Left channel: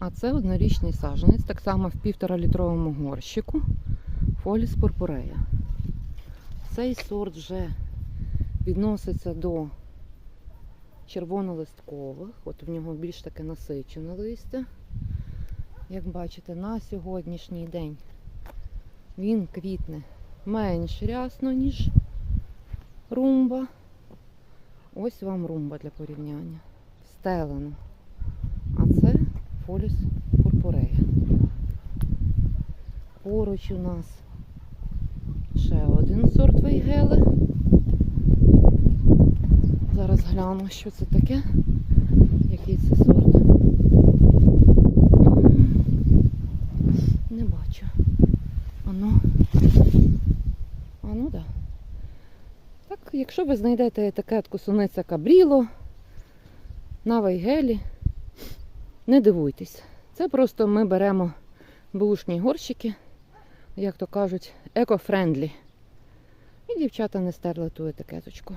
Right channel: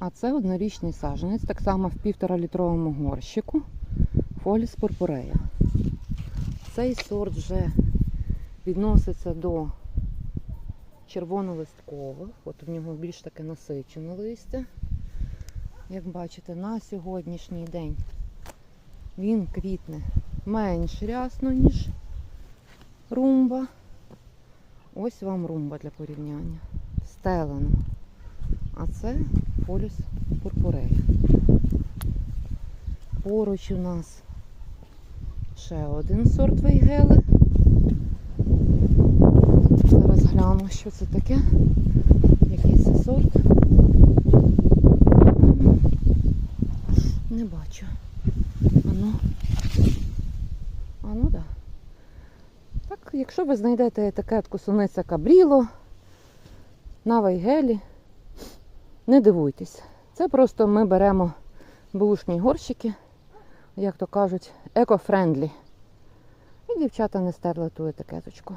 А це однорічний саджанець, так само в півтора літровому горщику. Фоліс пурпурея. Цей сорт вже відноситься до червонолисткових. От в нього більш таке насичене листя. Як бачите, на сьогоднішній день він квітне менш рясно, ніж румба. Ось вам румба для порівняння. Стелено. А це полюс пурпурея. Поруч у нас ще один сорт вейгели. Зараз гляну, що це таке. Який це сорт. Не бачу. Ану. Ану, да. Так, якщо ви знайдете етикетку суниця Кабріло на вейгелі, не дивуйтесь. Це просто ми беремо бушні горщики, як то кажуть, еко-френдлі. І дівчата не стерли ту етикеточку.